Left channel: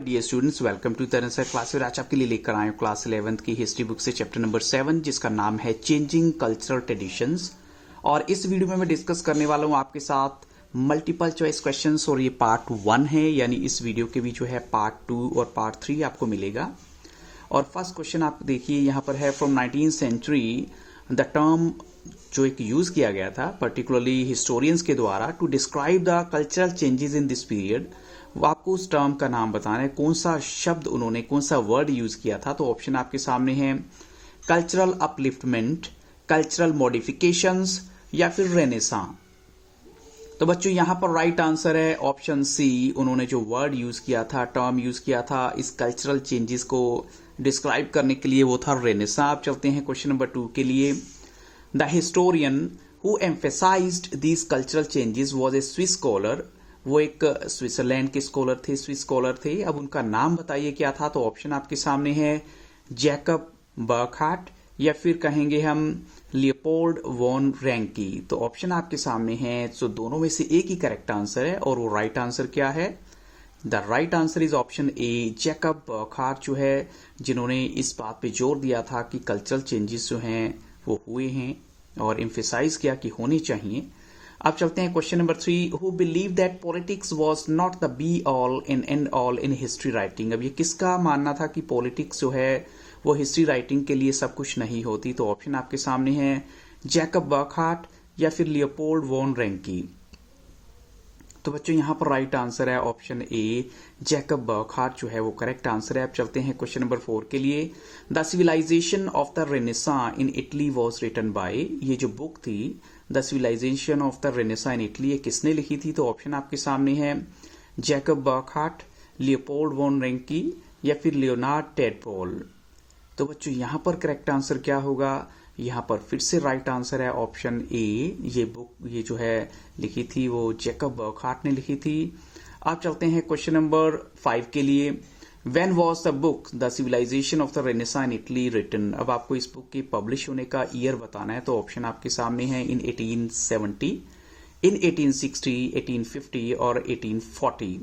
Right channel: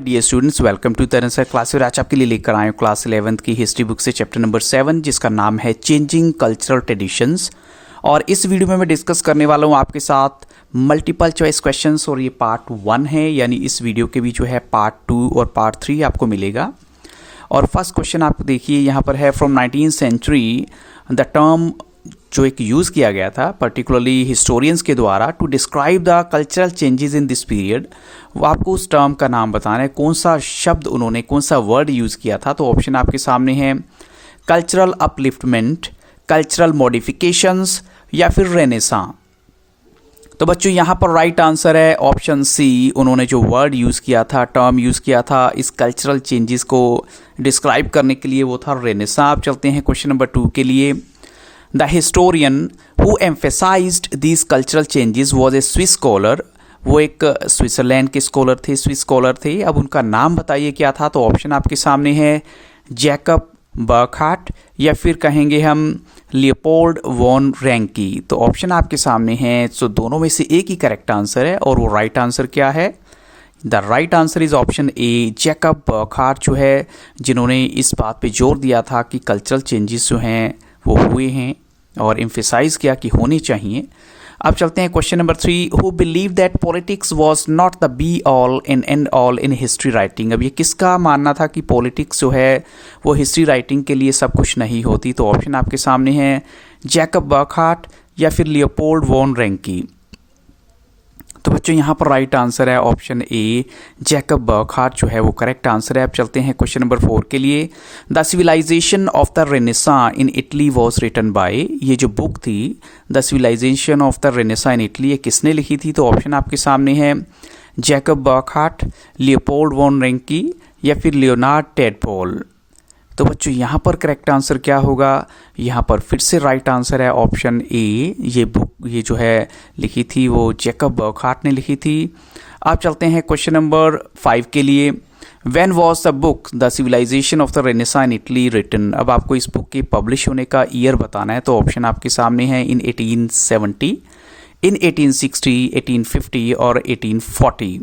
Dear students, welcome to Taran sir class. और आज आपके लिए लेकर आए क्लास 11th की हिस्ट्री बुक से चैप्टर नंबर 7, जिसका नाम है चेंजिंग कल्चरल ट्रेडिशंस। और इस वीडियो में मैं डिस्कस करने वाला हूँ आपके साथ मल्टीपल चॉइस क्वेश्चंस, और ये पार्ट 1 है, यानी इस वीडियो के भी जो है पार्ट 2 और पार्ट 3 आपको मिलेगा। और फर्स्ट क्वेश्चन आप देखिए यहाँ पर है, from 19th century the term जो एक यूज़ किया गया था पर्टिकुलरली हिस्टोरियंस के द्वारा to describe the cultural changes in this period, वो आपको उस टर्म का नाम बताना है। कौन सा शब्द उन्होंने, कौन सा वर्ड यूज़ किया था। तो ऑप्शन आपके सामने है कल्चरल अपलिफ्टमेंट, कल्चरल मॉडिफिकेशंस या फिर रेनेसां। तो बच्चों यहाँ पर राइट आंसर है ऑप्शन सी। उन्होंने जो वर्ड यूज़ किया था, टर्म यूज़ किया था इस कल्चरल चेंजेस को डिस्क्राइब करने के लिए, वो था रेनेसां। आप चलते हैं क्वेश्चन नंबर 2 के लिए। The historian who emphasised these cultural changes was a Swiss scholar. वो एक स्विट्ज़रलैंड के स्कॉलर थे, स्विस स्कॉलर थे। अब उनका नाम बताइए क्या था। तो ऑप्शन आपके सामने है जैकब बर्कहार्ट या फिर कहेंगे हम लियोपोल्ड वॉन रैंकी। तो ऑप्शन आपके सामने हैं, तो दोनों में से एक ही करेक्ट आंसर है। और वो राइट आंसर क्या है? The right answer is option A, Jacob Burckhardt जो है, जिन्होंने इस बात पे जोर दिया था कि कल्चरल चेंजेस जो हैं वो हुए हैं और एम्फेसाइज किया कि होने चाहिए। अब चलते हैं question number 3। Who believe that politics was not the be all and and all in history writing. अब ये किसका मानना था कि पॉलिटिक्स जो है वो हिस्ट्री राइटिंग के लिए सब कुछ नहीं होती। तो ऑप्शन आपके सामने है जैकब बर्कहार्ट या फिर लियोपोल्ड वॉन रैंकी। तो बच्चों यहाँ पर राइट आंसर है ऑप्शन ए, जैकब बर्कहार्ट जो है वो करेक्ट आंसर है। अब चलते हैं क्वेश्चन नंबर 4 के लिए। The civilization of the Renaissance in Italy was written by. ये जो बुक थी the civilization of the Renaissance in Italy, ये किसने लिखी थी। तो ऑप्शन आपके सामने है Jacob Burckhardt, Leopold von Ranke या फिर लियोनार्ड टेडपोल। तो बच्चों यहाँ पर करेक्ट आंसर क्या होगा? यहाँ पर फिर से राइट आंसर है ऑप्शन ए। ये बुक ये जो है लिखी थी वो जैकब बर्कहार्ट ने लिखी थी। आप चलते हैं क्वेश्चन नंबर 5 के लिए। When was the book the civilization of the Renaissance in Italy written. अब आपको इस बुक के पब्लिश होने का ईयर बताना है। तो ऑप्शन आपके सामने है इन 1870, इन 1860, 1850 और 1840।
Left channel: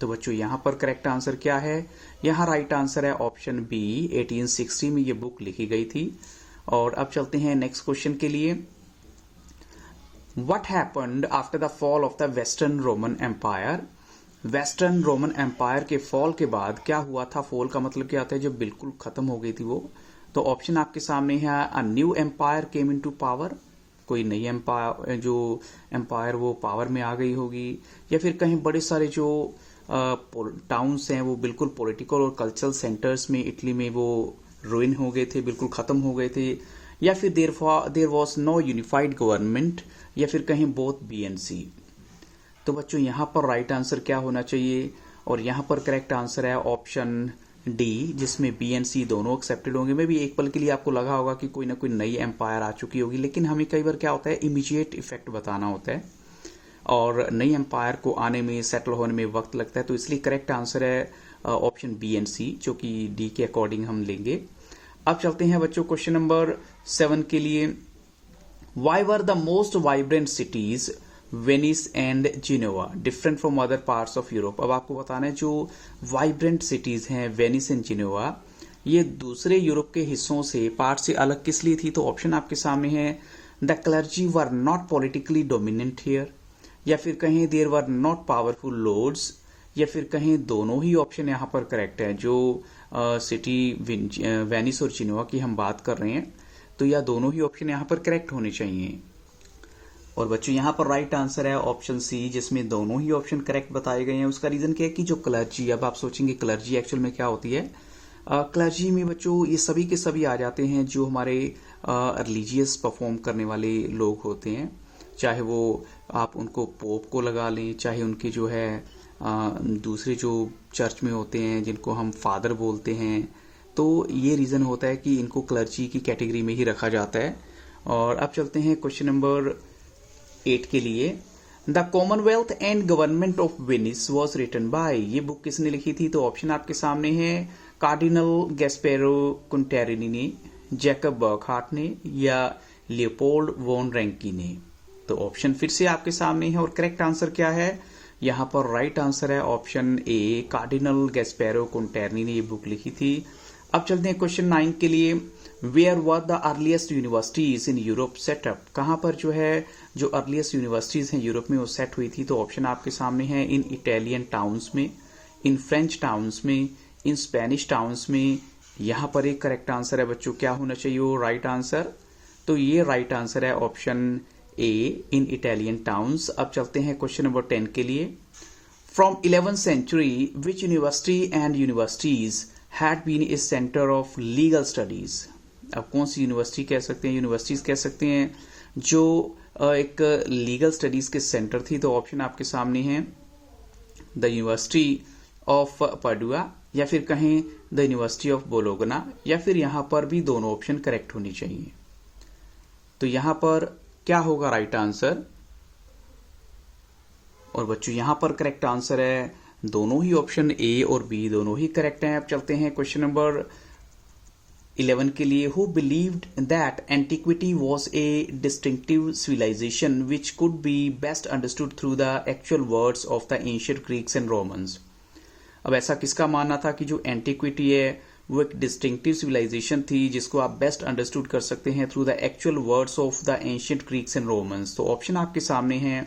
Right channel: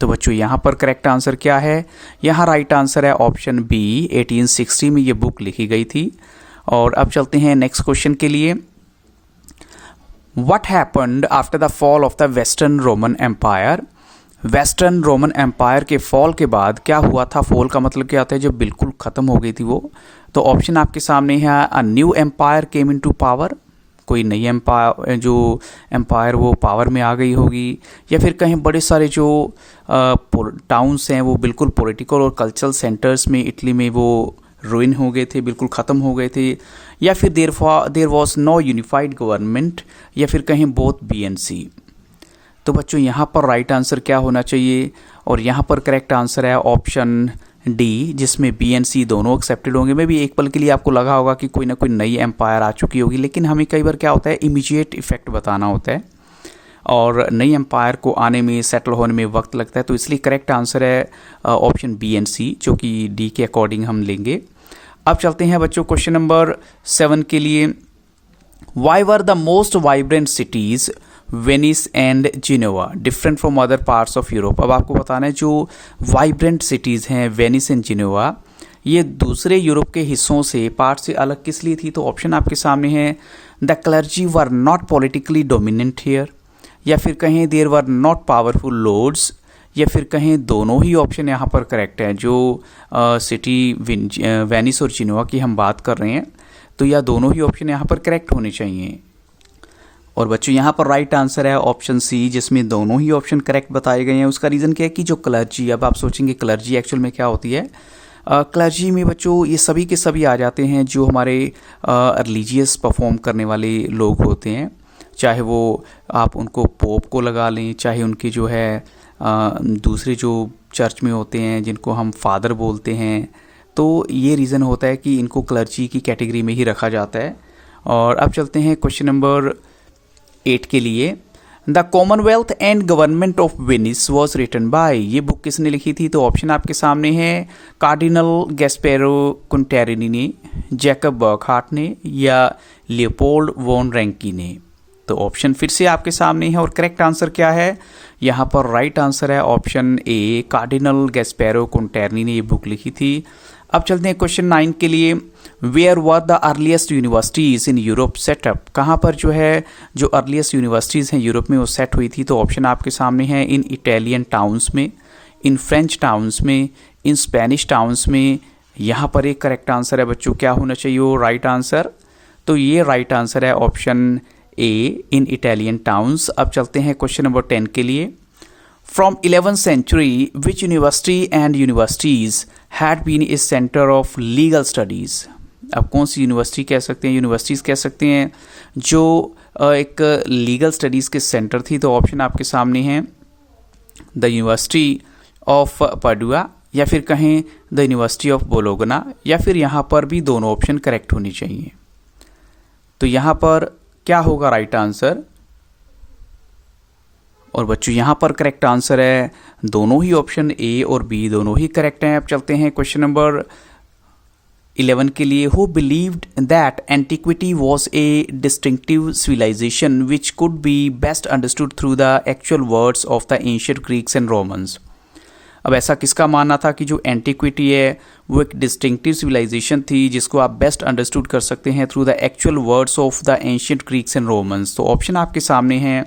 तो बच्चों यहाँ पर करेक्ट आंसर क्या है? यहाँ राइट आंसर है ऑप्शन बी, 1860 में ये बुक लिखी गई थी। और अब चलते हैं नेक्स्ट क्वेश्चन के लिए। What happened after the fall of the Western Roman Empire. Western Roman Empire के फॉल के बाद क्या हुआ था? फॉल का मतलब क्या होता है? जब बिल्कुल ख़त्म हो गई थी वो। तो ऑप्शन आपके सामने है a new empire came into power. कोई नई एम्पायर, जो एम्पायर वो पावर में आ गई होगी, या फिर कहीं बड़े सारे जो टाउन्स हैं वो बिल्कुल पॉलिटिकल और कल्चरल सेंटर्स में इटली में वो रुइन हो गए थे, बिल्कुल ख़त्म हो गए थे, या फिर there was no unified government, या फिर कहीं बोथ BNC। तो बच्चों यहाँ पर राइट आंसर क्या होना चाहिए? और यहाँ पर करेक्ट आंसर है ऑप्शन डी, जिसमें BNC दोनों एक्सेप्टेड होंगे। मैं भी एक पल के लिए आपको लगा होगा कि कोई ना कोई नई एम्पायर आ चुकी होगी, लेकिन हमें कई बार क्या होता है, इमीडिएट इफेक्ट बताना होता है और नई एम्पायर को आने में, सेटल होने में वक्त लगता है। तो इसलिए करेक्ट आंसर है ऑप्शन BNC, जो कि डी के अकॉर्डिंग हम लेंगे। अब चलते हैं बच्चों क्वेश्चन नंबर 7 के लिए। Why were the most vibrant cities Venice and Geneva different from other parts of Europe. अब आपको बताना है जो वाइब्रेंट सिटीज़ हैं वेनिस एंड जिनेवा, ये दूसरे यूरोप के हिस्सों से, पार्ट से अलग किस लिए थी। तो ऑप्शन आपके सामने है the clergy were not politically dominant here, या फिर कहें there were not powerful lords, या फिर कहें दोनों ही ऑप्शन यहाँ पर करेक्ट है। जो सिटी वेनिस और जिनेवा की हम बात कर रहे हैं, तो यह दोनों ही ऑप्शन यहाँ पर करेक्ट होने चाहिए। और बच्चों यहाँ पर राइट आंसर है ऑप्शन सी, जिसमें दोनों ही ऑप्शन करेक्ट बताए गए हैं। उसका रीज़न क्या है कि जो क्लर्जी, अब आप सोचेंगे क्लर्जी एक्चुअल में क्या होती है। क्लर्जी में बच्चों ये सभी के सभी आ जाते हैं जो हमारे रिलीजियस परफॉर्म करने वाले लोग होते हैं, चाहे वो आप उनको पोप को लगा लें, चाहे उनके जो है दूसरे जो चर्च में होते हैं जिनको हम फादर बोलते हैं। तो ये रीज़न होता है कि इनको क्लर्जी की कैटेगरी में ही रखा जाता है। और अब चलते हैं क्वेश्चन नंबर 8 के लिए। The commonwealth and government of Venice was written by. ये बुक किसने लिखी थी। तो ऑप्शन आपके सामने है कार्डिनल गैस्पेरो कुंटेरिनी ने, जैकब बर्कहार्ट ने, या लियोपोल्ड वॉन रैंकी ने। तो ऑप्शन फिर से आपके सामने है और करेक्ट आंसर क्या है? यहाँ पर राइट आंसर है ऑप्शन ए, कार्डिनल गैस्पेरो कॉन्टेरनी ने ये बुक लिखी थी। अब चलते हैं क्वेश्चन 9 के लिए। Where were the earliest universities in Europe set up, कहाँ पर जो है जो अर्लीस्ट यूनिवर्सिटीज़ हैं यूरोप में वो सेट हुई थी? तो ऑप्शन आपके सामने है इन इटालियन टाउन्स में, इन फ्रेंच टाउन्स में, इन स्पेनिश टाउन्स में। यहाँ पर एक करेक्ट आंसर है बच्चों, क्या होना चाहिए वो राइट आंसर? तो ये राइट आंसर है option A, in Italian towns. अब चलते हैं क्वेश्चन नंबर 10 के लिए। From 11th century which university and universities had been a centre of legal studies. अब कौन सी यूनिवर्सिटी कह सकते हैं, यूनिवर्सिटीज़ कह सकते हैं जो एक लीगल स्टडीज़ के सेंटर थी? तो ऑप्शन आपके सामने हैं द यूनिवर्सिटी ऑफ पाडुआ, या फिर कहें द यूनिवर्सिटी ऑफ बोलोगना, या फिर यहाँ पर भी दोनों ऑप्शन करेक्ट होनी चाहिए। तो यहाँ पर क्या होगा राइट आंसर? और बच्चों यहाँ पर करेक्ट आंसर है दोनों ही ऑप्शन ए और बी दोनों ही करेक्ट हैं। अब चलते हैं क्वेश्चन नंबर 11 के लिए। Who believed that antiquity was a distinctive civilization which could be best understood through the actual words of the ancient Greeks and Romans. अब ऐसा किसका मानना था कि जो एंटिक्विटी है वो एक डिस्टिंक्टिव सिविलाइजेशन थी जिसको आप बेस्ट अंडरस्टूड कर सकते हैं through the actual words of the ancient Greeks and Romans? तो ऑप्शन आपके सामने हैं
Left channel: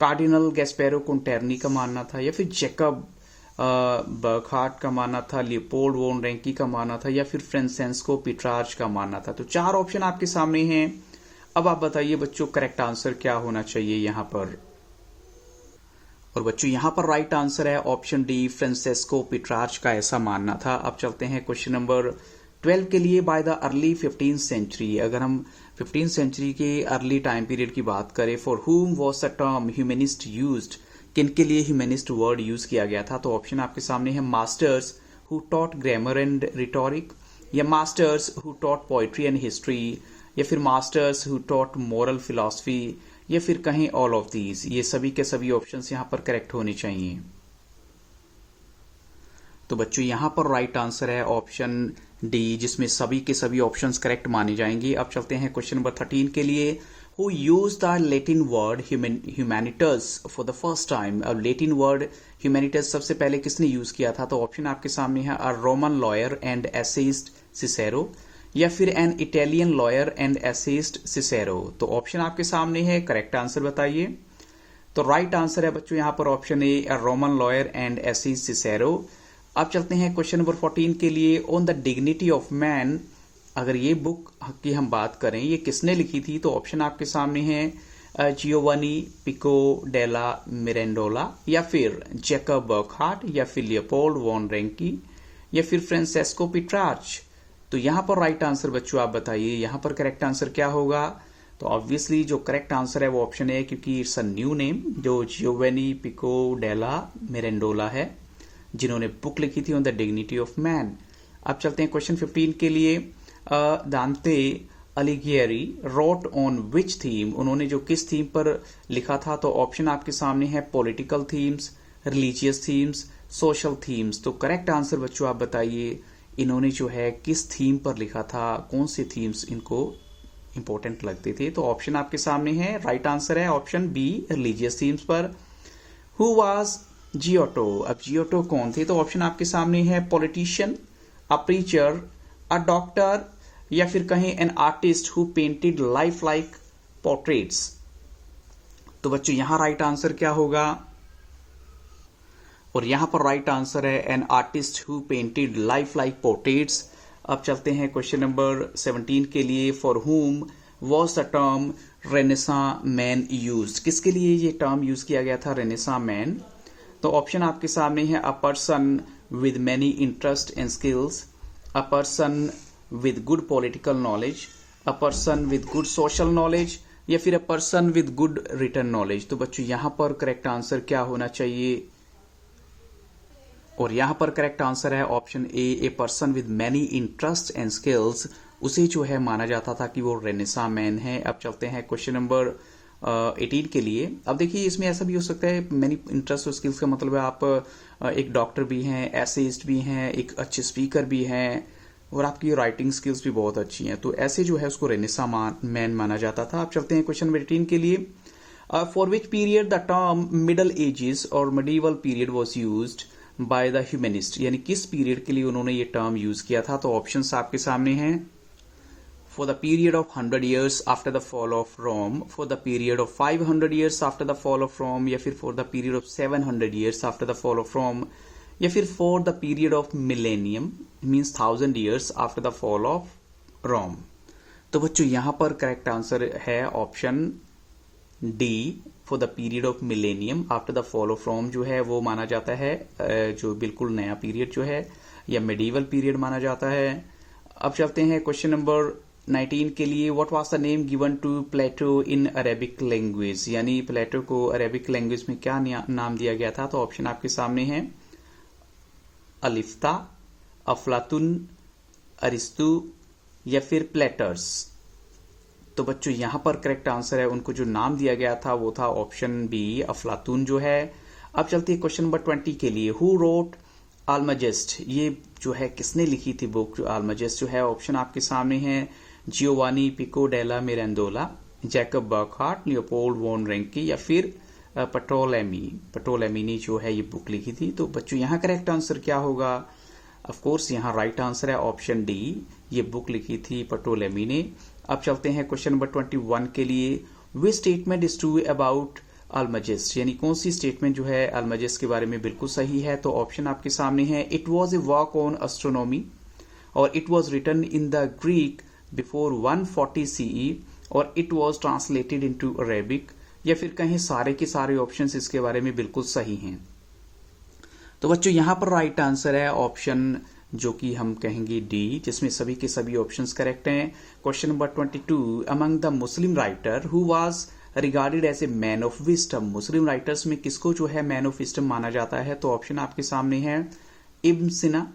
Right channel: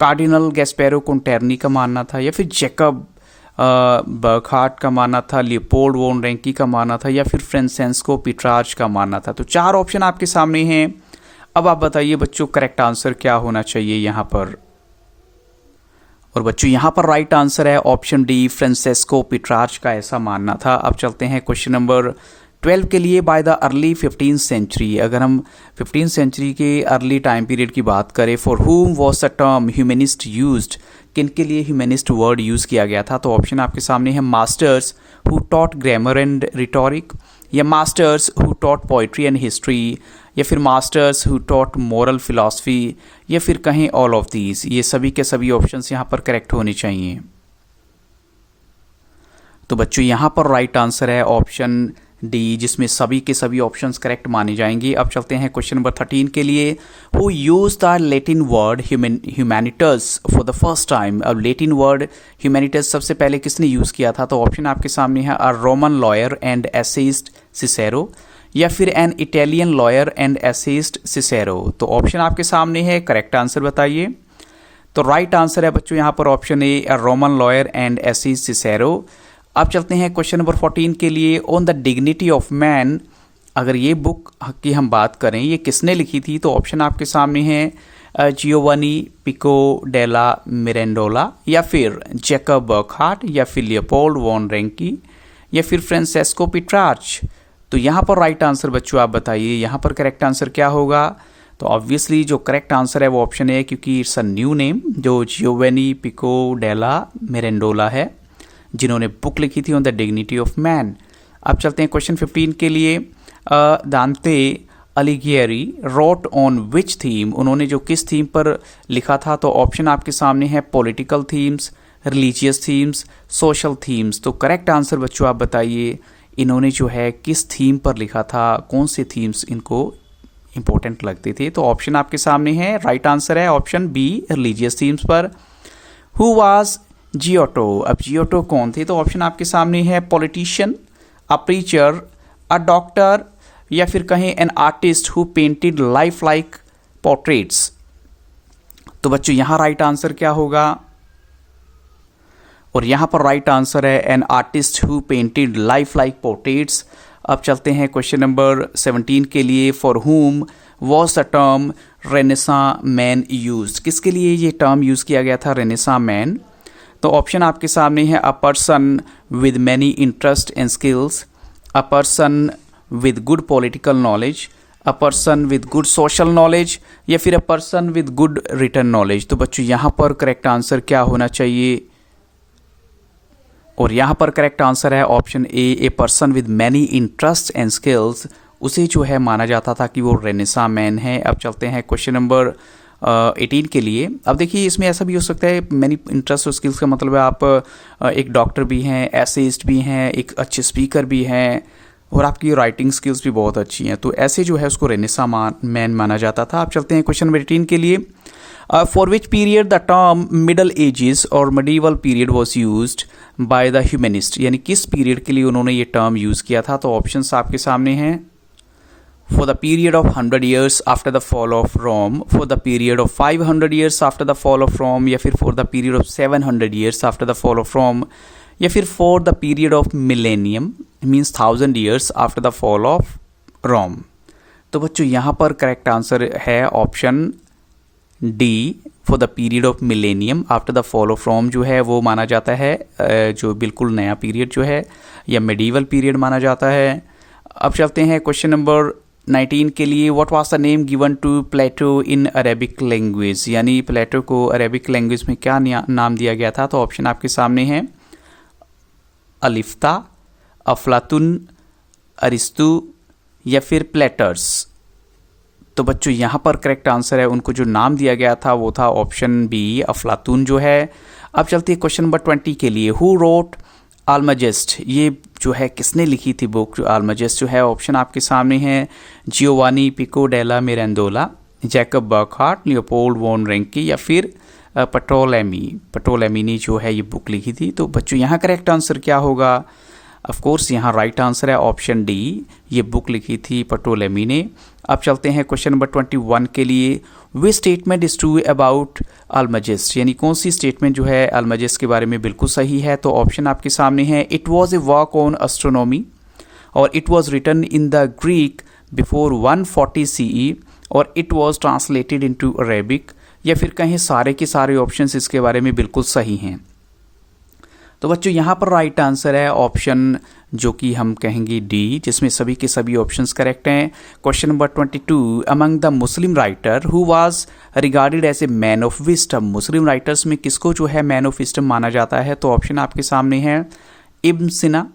कार्डिनल गैस्पेरो कॉन्टेरनी का मानना था, या फिर जैकब बर्कहार्ट का मानना था, लियोपोल्ड वॉन रैंकी का मानना था, या फिर फ्रांसेस्को पेट्रार्च का मानना था। तो 4 ऑप्शन आपके सामने हैं। अब आप बताइए बच्चों करेक्ट आंसर क्या होना चाहिए यहाँ पर? और बच्चों यहाँ पर राइट आंसर है ऑप्शन डी, फ्रांसेस्को पेट्रार्च का ऐसा मानना था। अब चलते हैं क्वेश्चन नंबर 12 के लिए। By the early 15th century, अगर हम 15th सेंचुरी के अर्ली टाइम पीरियड की बात करें, फॉर हुम was the term humanist used, किन के लिए ह्यूमनिस्ट वर्ड यूज़ किया गया था? तो ऑप्शन आपके सामने है masters who taught grammar and rhetoric, या masters who taught poetry and history, या फिर masters who taught moral philosophy, या फिर कहें ऑल ऑफ दीज। ये सभी के सभी ऑप्शंस यहाँ पर करेक्ट होने चाहिए। तो बच्चों यहाँ पर राइट आंसर है ऑप्शन डी, जिसमें सभी के सभी ऑप्शंस करेक्ट माने जाएंगे। अब चलते हैं क्वेश्चन नंबर 13 के लिए। Who use the Latin word humanitas for the first time. अब लैटिन वर्ड ह्यूमैनिटस सबसे पहले किसने यूज़ किया था? तो ऑप्शन आपके सामने है a Roman lawyer and essayist Cicero, या फिर an Italian lawyer and essayist Cicero. तो ऑप्शन आपके सामने है, करेक्ट आंसर बताइए। तो राइट आंसर है बच्चों यहाँ पर option A, a Roman lawyer and essayist Cicero. अब चलते हैं क्वेश्चन नंबर 14 के लिए। On the dignity of man, अगर ये बुक की हम बात करें ये किसने लिखी थी? तो ऑप्शन आपके सामने हैं जियोवानी पिको डेला मिरेंडोला, या फिर जैकब बर्कहार्ट, या फिर लियोपोल्ड वॉन रैंकी, या फिर फ्रांसेस्को पेट्रार्च। तो यहाँ पर राइट आंसर बच्चों आप बताइए, यहाँ पर करेक्ट आंसर क्या होगा? तो ऑब्वियसली जो करेक्ट आंसर है वो ऑप्शन है, क्योंकि इट्स अ न्यू नेम जो जियोवानी पिको डेला मिरेंडोला है जिन्होंने बुक लिखी थी on the dignity of man. अब चलते हैं क्वेश्चन 15 के लिए। दांते अलिगियरी रोट ऑन विच थीम, उन्होंने जो किस थीम पर लिखा था? तो ऑप्शन आपके सामने है political themes, religious themes, social themes. तो करेक्ट आंसर बच्चों आप बताइए, इन्होंने जो है किस थीम पर लिखा था, कौन से थीम्स इनको इंपॉर्टेंट लगते थे? तो ऑप्शन आपके सामने है, राइट आंसर है ऑप्शन बी, रिलीजियस थीम्स पर। हु वाज जियोटो, अब जियोटो कौन थे? तो ऑप्शन आपके सामने है politician, a preacher, a doctor, या फिर कहें an artist who painted life like portraits. तो बच्चों यहाँ राइट आंसर क्या होगा? और यहाँ पर राइट आंसर है an artist who painted life like portraits. अब चलते हैं क्वेश्चन नंबर 17 के लिए। फॉर हुम was the term renaissance man used, किसके लिए ये टर्म यूज़ किया गया था रेनेसां मैन? तो ऑप्शन आपके सामने है a person with many interest and skills, a person with good political knowledge, a person with good social knowledge, या फिर a person with good written knowledge. तो बच्चों यहाँ पर करेक्ट आंसर क्या होना चाहिए? और यहाँ पर करेक्ट आंसर है option a person with many interest and skills. उसे जो है माना जाता था कि वो रेनेसां मैन है। अब चलते हैं क्वेश्चन नंबर 18 के लिए। अब देखिए इसमें ऐसा भी हो सकता है, मैनी इंटरेस्ट और स्किल्स का मतलब है आप एक डॉक्टर भी हैं, एसेइस्ट भी हैं, एक अच्छे स्पीकर भी हैं, और आपकी राइटिंग स्किल्स भी बहुत अच्छी हैं। तो ऐसे जो है उसको रेनेसां मैन माना जाता था। अब चलते हैं क्वेश्चन नंबर 18 के लिए। For which period the term middle edges और medieval period was used by the humanist, यानी किस पीरियड के लिए उन्होंने ये टर्म यूज़ किया था। तो ऑप्शंस आपके सामने हैं। For the period of 100 years after the fall of Rome, for the period of 500 years after the fall of Rome, या फिर for the period of 700 years after the fall of Rome, या फिर for the period of millennium, means 1000 years after the fall of Rome। तो बच्चों यहाँ पर correct answer है option D, for the period of millennium after the fall of Rome जो है वो माना जाता है, जो बिल्कुल नया पीरियड जो है या मेडिवल पीरियड माना जाता है। अब चलते हैं क्वेश्चन नंबर 19 के लिए। What was the name given to Plato in Arabic language, यानी प्लेटो को अरेबिक लैंग्वेज में क्या नाम दिया गया था। तो ऑप्शन आपके सामने हैं अलिफ्ता, अफलातुन, अरिस्तु या फिर प्लेटर्स। तो बच्चों यहाँ पर करेक्ट आंसर है, उनको जो नाम दिया गया था वो था ऑप्शन बी, अफलातून जो है। अब चलते हैं क्वेश्चन नंबर 20 के लिए। हु रोट आल्माजेस्ट, ये जो है किसने लिखी थी बुक आल्माजेस्ट जो है। ऑप्शन आपके सामने हैं जियोवानी पिको डेला Mirandola, Jacob Burckhardt, Leopold von रेंकी या फिर पटोलेमी ने जो है ये बुक लिखी थी। तो बच्चों यहाँ करेक्ट आंसर क्या होगा। ऑफ कोर्स यहाँ राइट आंसर है ऑप्शन डी, ये बुक लिखी थी पटोलेमी ने। अब चलते हैं क्वेश्चन नंबर 21 के लिए। वे स्टेटमेंट इज ट्रू अबाउट अल्माजेस्ट, यानी कौन सी स्टेटमेंट जो है अल्माजेस्ट के बारे में बिल्कुल सही है। तो ऑप्शन आपके सामने है it was a work on astronomy, और it was written in the Greek before 140 CE, और it was translated into Arabic, या फिर कहीं सारे के सारे ऑप्शंस इसके बारे में बिल्कुल सही हैं। तो बच्चों यहाँ पर राइट आंसर है ऑप्शन जो कि हम कहेंगे डी, जिसमें सभी के सभी ऑप्शंस करेक्ट हैं। Question number 22, among the Muslim writer who was regarded as a man of wisdom, Muslim writers में किसको जो है मैन ऑफ विस्डम माना जाता है। तो ऑप्शन आपके सामने है इब्न सिना,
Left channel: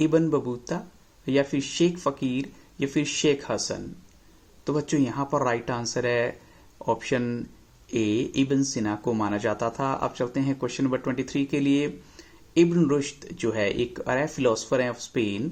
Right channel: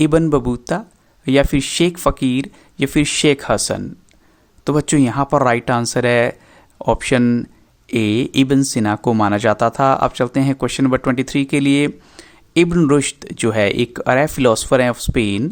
इब्न बबूता या फिर शेख फ़कीर या फिर शेख हसन। तो बच्चों यहाँ पर राइट आंसर है ऑप्शन ए, इब्न सिना को माना जाता था। अब चलते हैं क्वेश्चन नंबर 23 के लिए। इब्न रुश्द जो है एक अरब फिलोसफर है of Spain,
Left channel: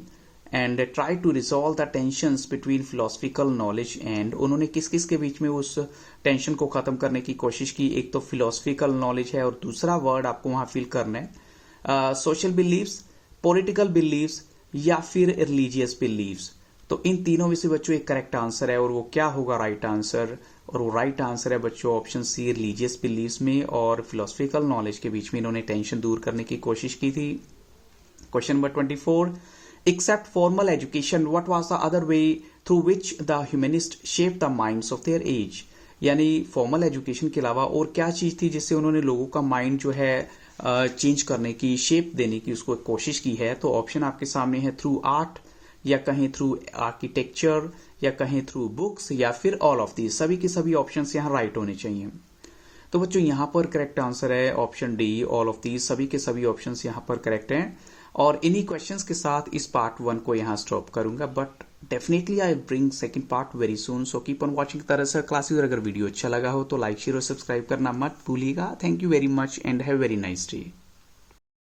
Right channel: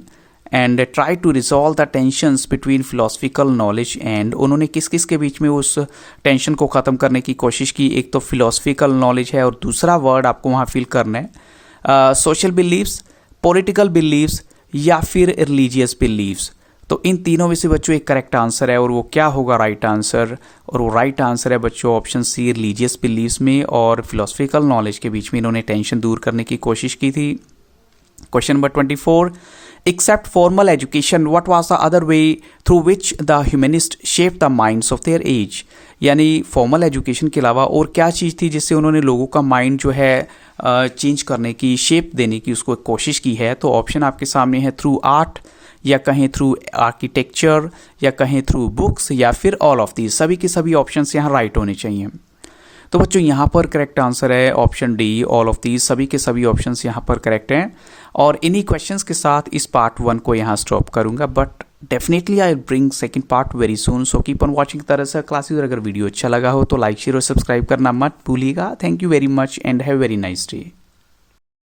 and try to resolve the tensions between philosophical knowledge and, उन्होंने किस किस के बीच में उस टेंशन को ख़त्म करने की कोशिश की। एक तो फिलोसफिकल नॉलेज है और दूसरा वर्ड आपको वहाँ फिल करना है सोशल बिलीव्स, पॉलिटिकल बिलीव्स या फिर रिलीजियस बिलीव्स। तो इन तीनों में से बच्चों एक करेक्ट आंसर है, और वो क्या होगा राइट आंसर। और वो राइट आंसर है बच्चों ऑप्शन सी, रिलीजियस बिलीव्स में और फिलोसफिकल नॉलेज के बीच में इन्होंने टेंशन दूर करने की कोशिश की थी। Question number 24, except formal education what was the other way through which the humanist shape the minds of their age, यानी फॉर्मल एजुकेशन के अलावा और क्या चीज़ थी जिससे उन्होंने लोगों का माइंड जो है चेंज करने की, शेप देने की उसको कोशिश की है। तो ऑप्शन आपके सामने है थ्रू आर्ट, या कहें थ्रू आर्किटेक्चर, या कहें थ्रू बुक्स, या फिर ऑल ऑफ दीज। सभी के सभी ऑप्शंस यहाँ राइट होने चाहिए। तो बच्चों यहाँ पर करेक्ट आंसर है option D, all of these. सभी के सभी ऑप्शंस यहाँ पर करेक्ट हैं। और इन्हीं क्वेश्चंस के साथ इस पार्ट 1 को यहाँ स्टॉप करूँगा, but definitely I bring second part very soon. So keep on watching तरह से क्लासेस, और अगर वीडियो अच्छा लगा हो तो लाइक शेयर और सब्सक्राइब करना मत भूलिएगा। Thank you very much and have very nice day.